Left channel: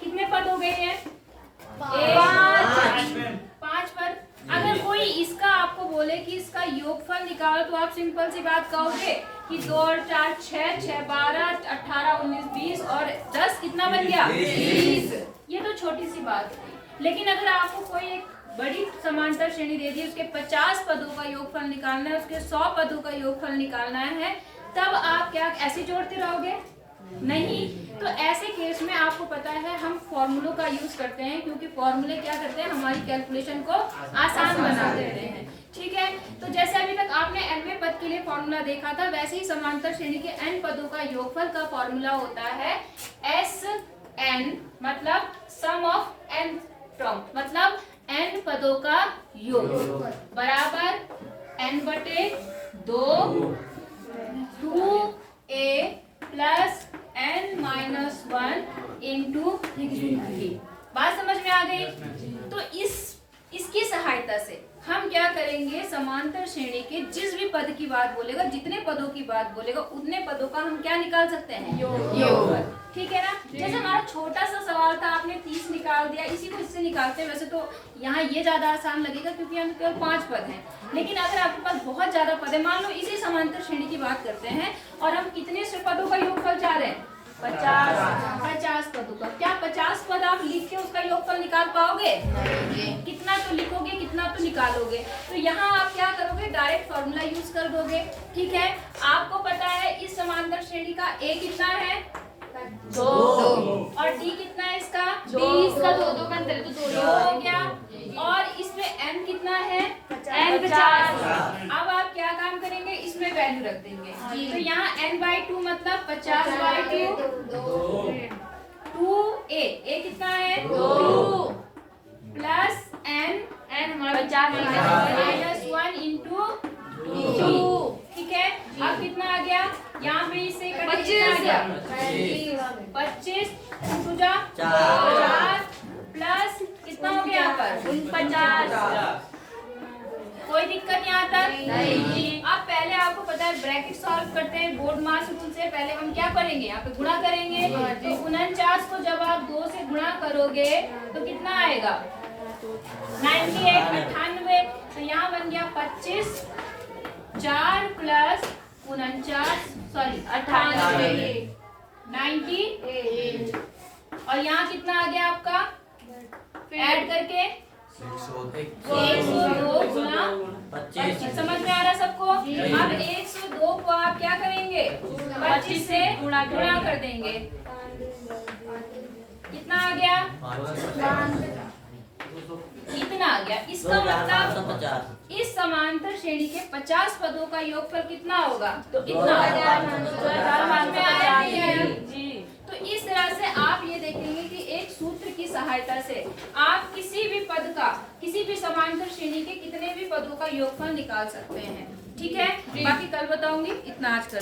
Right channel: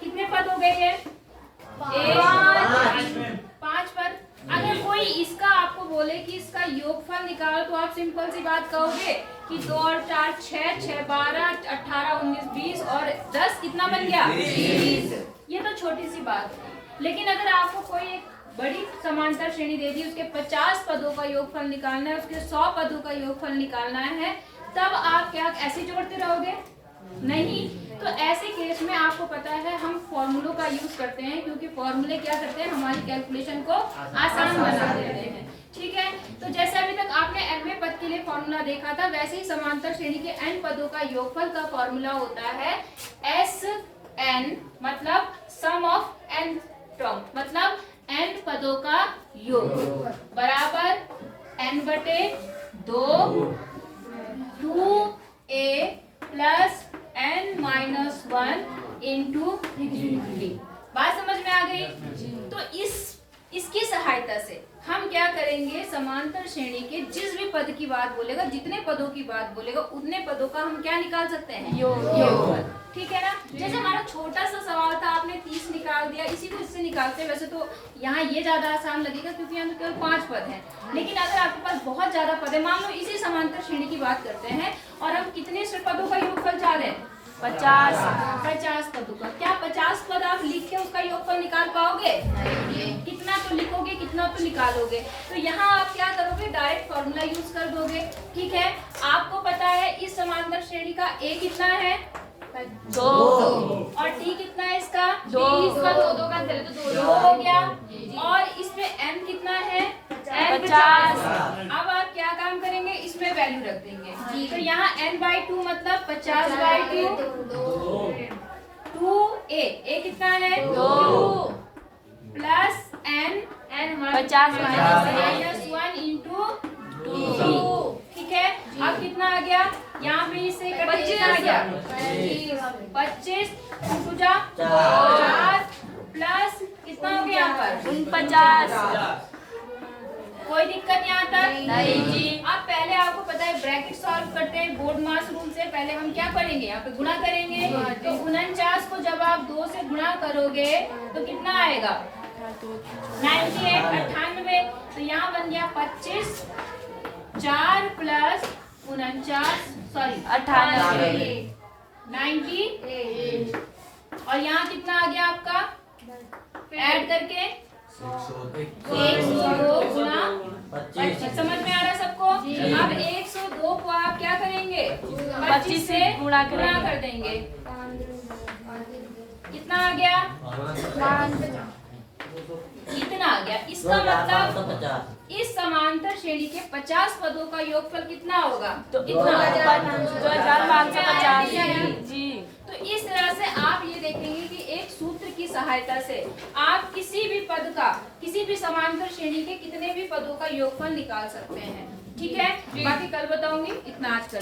कितने पद हो गए ये? 5 पद। अगर कोई इसका आपको बोले कि इसका योगफल निकालो तो आप सिंपल सी बात कहोगे कि 2 और 4 6, 6 12 18 19 20 और 10 कितना बन गया? 20। ये तो छोटी सी बात है, लेकिन अगर आपको कोई एक बड़ी समांतर श्रेणी दे दी, उसके 50 पदों का योगफल निकालना है, उसके 100 पदों का योगफल निकालना है, तब आप क्या ऐसे जोड़ते रहोगे? नहीं। तो ऐसे केस में आपको पता है हम फॉर्मूलों का यूज करते हैं, क्योंकि फॉर्मूले क्या करते हैं? हमारी कैलकुलेशन को आसान बना देते हैं। ठीक है, तो जैसे अभी तक आपने nवें पद के लिए फॉर्मूला देखा था, वैसे ही समांतर श्रेणी के n पदों का योगफल का फॉर्मूला होता है SN, मतलब सम ऑफ n टर्म, मतलब n पदों का योग बराबर n/2 2a plus n-1 into 3। बात समझ में आ गई? तो इसकी सहायता से हम क्या करेंगे? समांतर श्रेणी के जिस भी पद की बात बोलेगा, जितने पदों की बात बोलेगा, उतने पदों का हम क्या निकाल सकते हैं? योगफल। ठीक है ना? जैसे हमारा छोटा सा सवाल था, आपने 30 निकाल दिया, इसी को इससे निकालते हैं। वैसे तो यहाँ ये ज्यादा आसान लगेगा क्योंकि यहाँ केवल 5 पद हैं, लेकिन अगर आपके पास बहुत ज्यादा पद है, मान लो इसी समांतर श्रेणी की बात करते हैं और हम कितने से पदों का योगफल चाह रहे हैं? 50 पदों का। क्या 50 पद आप लिख के उसका योगफल निकाल पाओगे? कितना तो लिखोगे, कितना तो निकालोगे। तो यहाँ आप क्या करोगे? डायरेक्ट फॉर्मूला यूज कर दोगे। ठीक है, आपको पता है इस समांतर श्रेणी का a कितना है? 2 और d कितना है इसका? 20 का 2 का 2 हो गया, और इसमें m कितना है? n 50। अब आप क्या काम करेंगे? इसमें वैल्यू रख देंगे। तो यहाँ n/2 मतलब 50/2 2a कितना है? 2 प्लस n 50/1 इंटू 2। ठीक है, अब कितना आ गया? यहाँ पे इससे कितना आ गया? 25 इंटू 4 प्लस कितना हो गया यहाँ पर? 49। कोई दिक्कत यहाँ तक? नहीं। अब पहले आपको पता है ब्रैकेट सॉल्व करते हैं बोर्ड मास रूल से। पहले हम क्या करेंगे? यहाँ पे गुणा करेंगे। तो 49 को जब आप 2 से गुणा करोगे तो कितना आएगा? 98। तो यहाँ बन गया 25 4 प्लस 98 98। और यहाँ कितना आ गया आपका? ऐड करके 102 गुणा 25। समझ में आ रहा है सबको? अब 102 को आप क्या करेंगे? 25 से गुणा कर देंगे। कितना आ गया? इतना आ गया। इसका मतलब इस समांतर श्रेणी के 50 पदों का योगफल कितना होगा? तो इतना जी। तो इस तरह से आप ये देखेंगे कि एक सूत्र की सहायता से आप किसी भी पद का, किसी भी समांतर श्रेणी के कितने भी पदों का योगफल निकाल सकते हैं। ठीक है, बाकी कल बताऊंगी। इतना आज कर ले।